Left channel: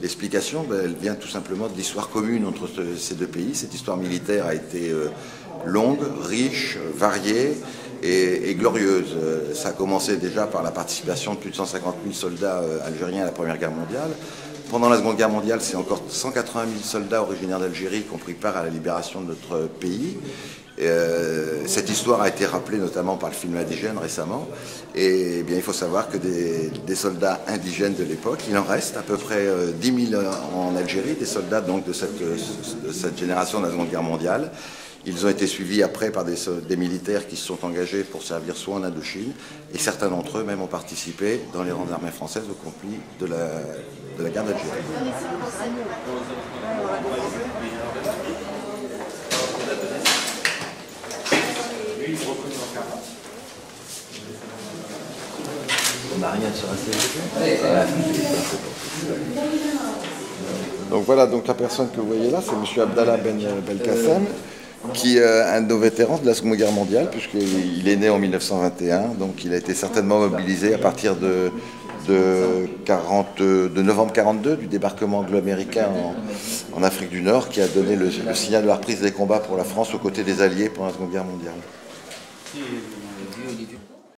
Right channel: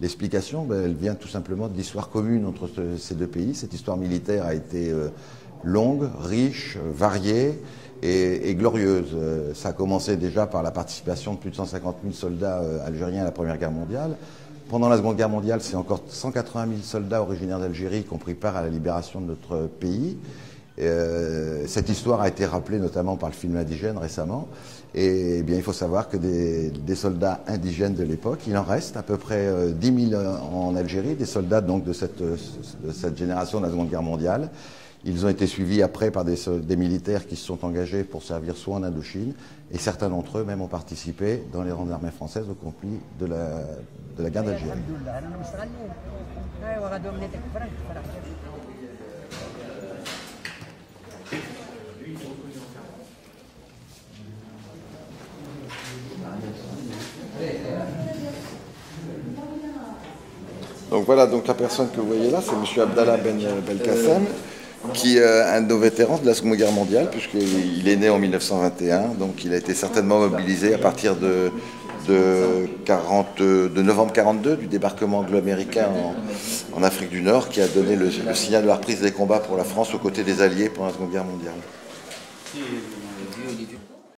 L'explication, elle vient tout simplement de l'histoire commune entre ces deux pays. Cette histoire militaire a été longue, riche, variée et glorieuse. Ça a commencé déjà par la participation de plus de 150 000 soldats algériens à la Première Guerre mondiale. Pendant la Seconde Guerre mondiale, c'est encore 180 000 soldats originaires d'Algérie qui ont pris part à la libération de notre pays. Cette histoire a été rappelée notamment par le film Indigène récemment. Et bien, il faut savoir que des soldats indigènes de l'époque, il en reste à peu près 10 000 en Algérie, des soldats donc de cette génération de la Seconde Guerre mondiale. Ils ont été suivis après par des militaires qui se sont engagés pour servir soit en Indochine, et certains d'entre eux même ont participé dans les rangs de l'armée française au conflit de la guerre d'Algérie. On n'a rien sur la CGT. Donc voilà, donc la personne que vous voyez là, c'est M. Abdallah Ben Belkacem, qui est un de nos vétérans de la Seconde Guerre mondiale, puisqu'il est né en 1921, donc il a été certainement mobilisé à partir de novembre 1942, du débarquement anglo-américain en Afrique du Nord, qui a donné le signal de la reprise des combats pour la France aux côtés des Alliés pendant la Seconde Guerre mondiale.